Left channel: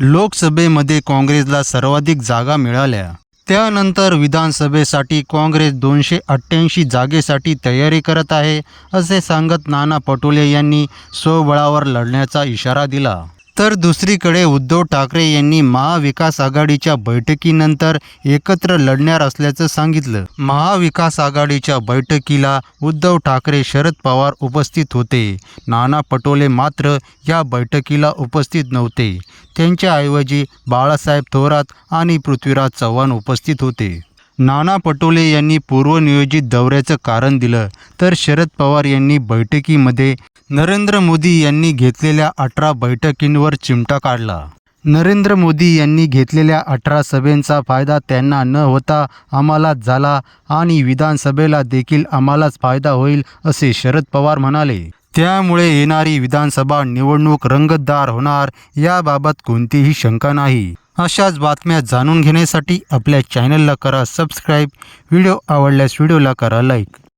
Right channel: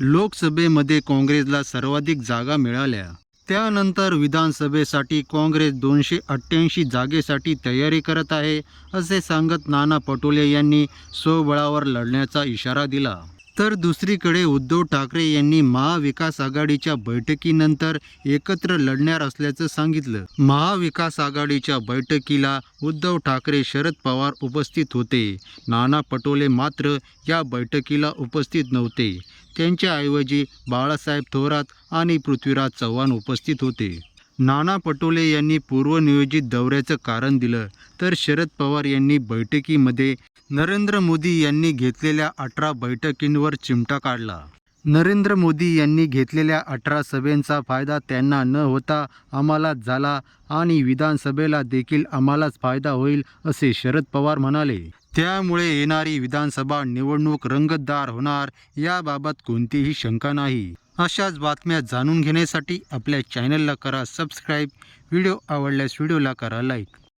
लोकसभेमध्ये काँग्रेसला सर्वाधिक जागा मिळाल्या. त्यानंतर विधानसभेसाठी काँग्रेस दोनशे अठ्ठ्याऐंशी जागेसाठी तयारी करत आहे असे सांगत नाना पटोले यांनी स्वबळावर लढण्याचा इशारा दिला. तर दुसरीकडे उद्धव ठाकरे यांनी महाविकास आघाडीच्या बैठकीनंतर एकत्र लढणार असल्याचं सांगितलं. महाविकास आघाडीच्या बैठकीला उद्धव ठाकरे शरद पवार उपस्थित होते. नाना पटोले मात्र या बैठकीला उपस्थित नव्हते. त्यांच्याऐवजी बाळासाहेब थोरात आणि पृथ्वीराज चव्हाण उपस्थित होते. नाना पटोले यांनी पूर्वनियोजित दौऱ्याचं कारण दिलं. तर शरद पवार यांनी बैठकीमध्ये नरेंद्र मोदी यांनी घेतलेल्या अठरा बैठकींवर चिमटा काढला. नरेंद्र मोदी यांनी घेतलेल्या अठरा सभेंचा फायदा त्यांना न होता आम्हालाच झाला आणि विधानसभेला देखील आम्हालाच फायदा होईल असे शरद पवार म्हणाले. त्यामुळे येणारी विधानसभा निवडणूक रंगतदार होणार याबाबत कोणतीही शंका नाही. अशाच बातम्या जाणून घेण्यासाठी आपल्या चॅनलला करा सबस्क्राईब व्हिडिओ आवडल्यास व्हिडिओला करा लाईक